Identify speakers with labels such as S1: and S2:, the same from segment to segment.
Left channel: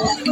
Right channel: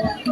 S1: Thank you.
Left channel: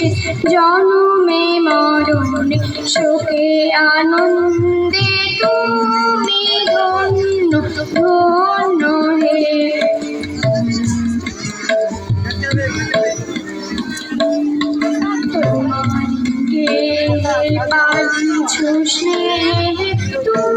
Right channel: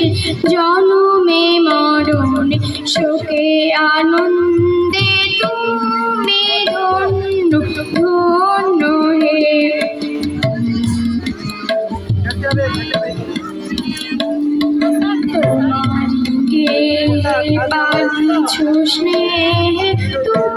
S1: শেষে জনমে মরণে শোকে আনন্দে তুমি ধন্য ধন্য হে। তোমাকে পাচ্ছ স্নেহে তুমি